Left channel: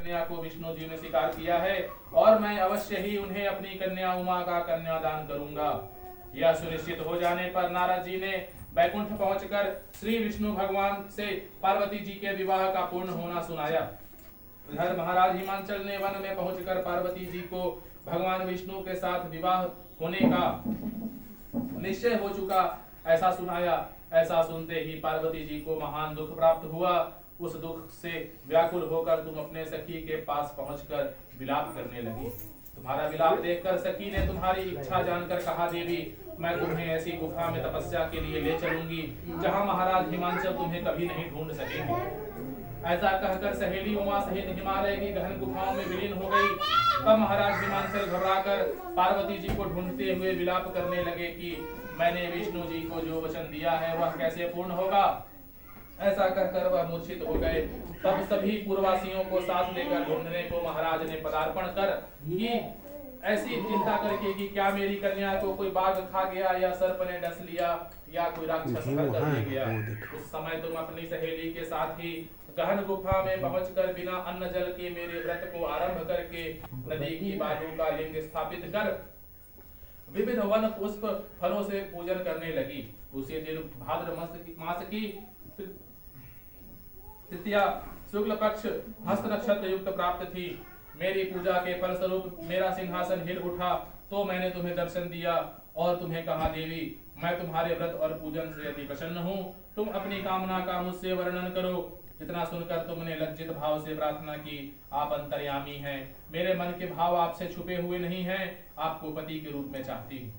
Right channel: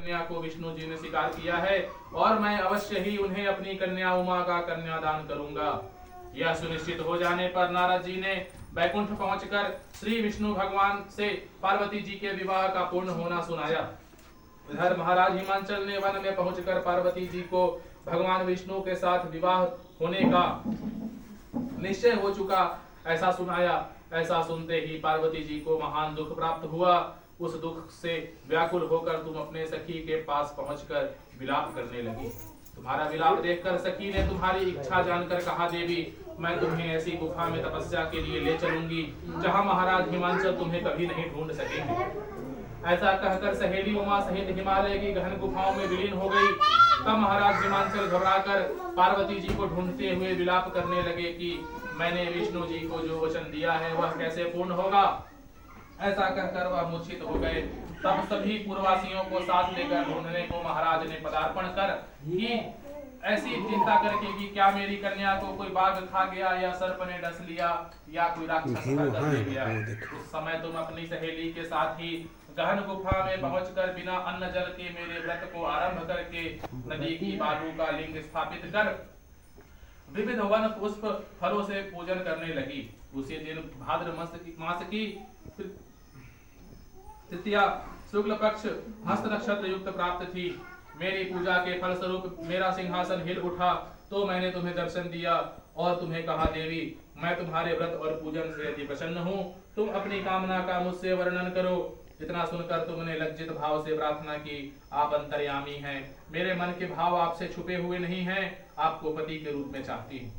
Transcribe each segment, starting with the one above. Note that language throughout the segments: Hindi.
कन्या को विष्णु जी ने स्वीकार किया है और मैं अवश्य ही उन्हें अपनी कन्या उमा का कन्यादान करूंगा। यह सुनिश्चित हो जाने पर नारद जी ने बैकुंठ पहुंचकर श्री विष्णु भगवान से पार्वती जी के विवाह का पूर्ण होना सुनाया। इधर महाराज हिमांचल ने वन में पहुंचकर पार्वती जी को भगवान विष्णु के साथ विवाह होने का निश्चय हो चुका ऐसा सुनाया। ऐसा सुनते ही पार्वती जी को महान दुख प्राप्त हुआ। उस दुख से व्याकुल होकर तुम अपने सखी के पास पहुंचकर विलाप करने लगी। तुम्हारा विलाप देखकर सखी ने तुम्हारी इच्छा जानकर कहा, देवी मैं तुम्हें ऐसी गुफा में तपस्या के लिए ले चलूंगी जहां महाराज हिमांचल तुम्हें कभी नहीं ढूंढ सकेंगे। ऐसा कहकर सहेली उमा सहित हिमालय की गहन गुफाओं में विलीन हो गई। तब महाराज हिमांचल घबराकर पार्वती जी को ढूंढते हुए विलाप करने लगे कि मैंने विष्णु जी को जो वचन दिया है वह कैसे पूर्ण होगा। ऐसा कहकर वह मूर्छित हो गए। तब सभी पूर्ववासियों को साथ लेकर ढूंढने को महाराज ने पदार्पण कर कि ऐसी चिंता करके कि क्या मेरी कन्या को कोई बाघ खा गया या सर्प ने डस लिया या कोई राक्षस कर ले गया। उस समय तुम अपनी सहेली के साथ ही गहन गुफा में पहुंचकर बिना अन्न जल के मेरे व्रत को आरंभ करके नदी की बालू का लिंग स्थापित कर विविध वन पुष्प फलों से पूजन करने लगी। उसी दिन भाद्र मास की तृतीया शुक्ल पक्ष हस्त नक्षत्र युक्त प्राप्त थी। मेरी पूजा के फल स्वरूप मेरा सिंहासन हिल उठा तो मैंने तुम्हें दर्शन दिया और तुम्हें कहा, देवी मैं तुम्हारे व्रत और पूजन से अति प्रसन्न हूँ। तुम अपनी कामना का मुझसे वर्णन करो। इतना सुनकर तुमने लज्जित भाव से प्रार्थना की, आप अंतर्यामी हैं, मेरे मन के भाव आपसे छुपे हुए नहीं हैं, आपको पति के रूप में चाहती हूँ।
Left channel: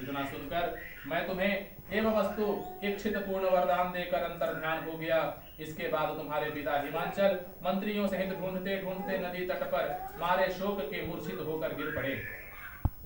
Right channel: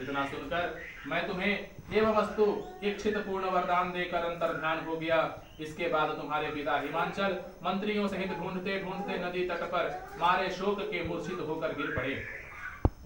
इतना सुनकर मैं तुम्हें एवं वस्तु इच्छित पूर्ण वरदान देकर अंतर्ध्यान हो गया। इसके बाद तुम्हारे पिता हिमांचल मंत्रियों सहित ढूंढते ढूंढते नदी तट पर मारे शोक के मूर्छित होकर गिर पड़े।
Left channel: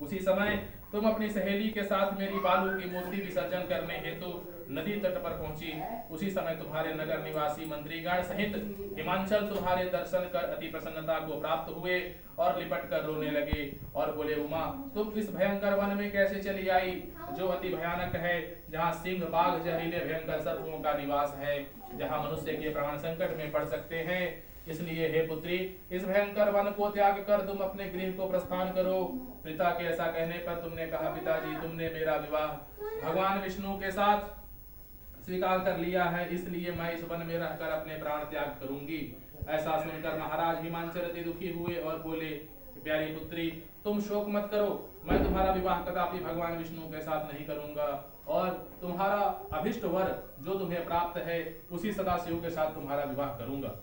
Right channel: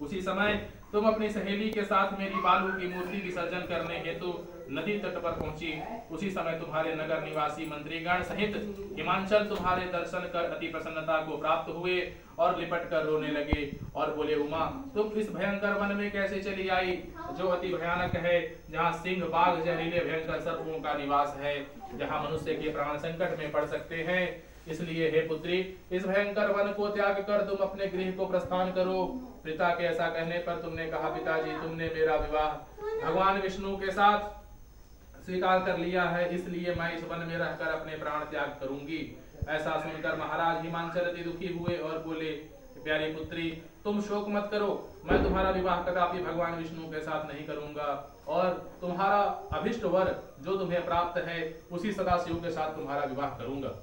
उसी समय तुम अपनी सहेली के साथ मेरी बालू की मूर्ति विसर्जन करने हेतु नदी तट पर पहुंची। उसी समय तुम्हारे नगर निवासी मंत्रीगण सहित हिमांचल तुम्हारे दर्शन कर अति प्रसन्नता को प्राप्त हुए और लिपट कर रोने लगे और बोले, उमा तुम इस भयंकर वन में कैसे चली आई जो अति भयानक है, जहाँ सिंह बाघ जहरीले भयंकर सर्पों का निवास है, जहाँ मनुष्य के प्राण संकट में पड़ सकते हैं। इसलिए हे पुत्री, इस भयंकर वन को त्याग कर तुम अपने गृह को प्रस्थान करो। पिता के ऐसा कहने पर तुमने कहा, पिताजी तुमने मेरा विवाह भगवान विष्णु के साथ स्वीकार कर लिया है, इसलिए मैं इस वन में रहकर अपने प्राण त्याग करूंगी। ऐसा सुनकर महाराज हिमांचल अति दुखी हुए और बोले, प्यारी पुत्री तुम शोक मत करो, मैं तुम्हारा विवाह कदापि भगवान विष्णु के साथ नहीं करूंगा और तुम्हारा अभिष्ट वर जो तुम्हें प्राप्त है उसी सदाशिव के साथ तुम्हारा विवाह करूंगा।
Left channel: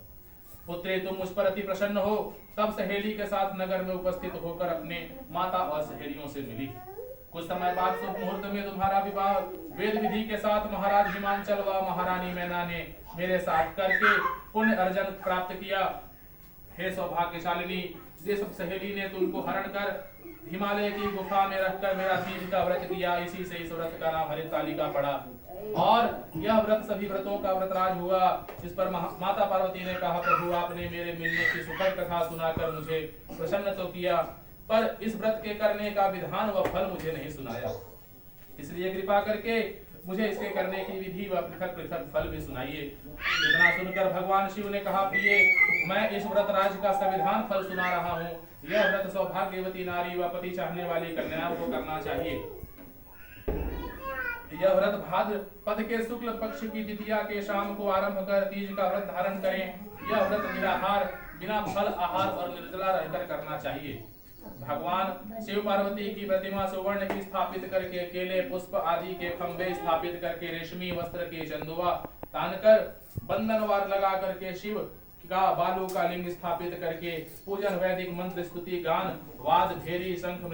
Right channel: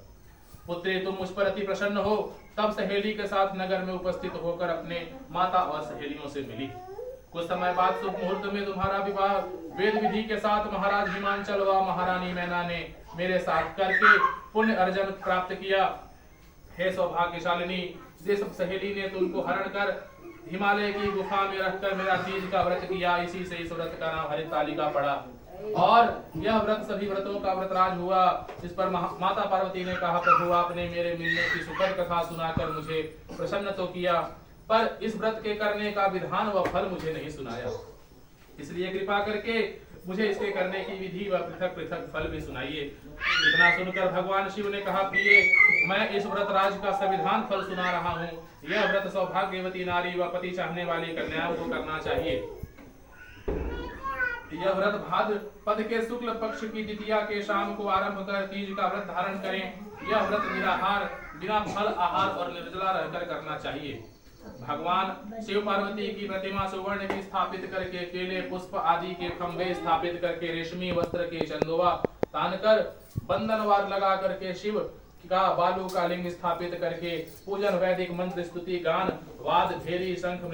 पुत्री तुम मुझ पर अति प्रसन्न हो। तब सहेली के साथ नगर में उपस्थित होकर अपने माता और सहेलियों से मिली। कुछ समय बाद शुभ मुहूर्त में तुम्हारा विवाह वेद विधि के साथ महाराज हिमांचल व महारानी मैना ने मेरे साथ करके पुण्य अर्जन प्राप्त किया। हे सौभाग्यशालिनी, जिस सहेली ने तुमको हरण कर हिमालय की गुफा में रखकर मेरा तीज का व्रत किया, इसी से इस व्रत का नाम हरितालिका पड़ा और यह व्रत सभी व्रतों का व्रतराज हुआ। इस पर माता पार्वती ने कहा, प्रभु आपने मेरे मिलने की सुखद कथा सुनाकर मुझे प्रसन्न तो किया, पर इस व्रत के करने का विधान व फल मुझे नहीं सुनाया, इसलिए कृपा करके मुझे इसके करने की विधि व पृथक पृथक फल भी सुनाइए। इतना सुनकर भगवान शिव ने कहा, प्रिय मैं इस व्रत राज का संविधान फल सुना रहा हूँ। यह व्रत सौभाग्यवती नारी व पति चाहने वाली कन्याओं को करना चाहिए। यह व्रत भाद्र पद के शुक्ल पक्ष की द्वितीया के शाम को आरंभ कर तीज का व्रत धारण करें। यह व्रत निराहार बिना फल आहार और निर्जला रहकर करना चाहिए। भगवान शिव पार्वती की प्रतिमा सुवर्ण की स्थापित करके केले पुष्प आदि के खंभे स्थापित करके रेशमी वस्त्र के चंदोवा तानकर बंधनवार लगा करके शिव का बालू का लिंग स्थापित करके पूजन वैदिक मंत्र स्तुति गान वाद भेरी शंख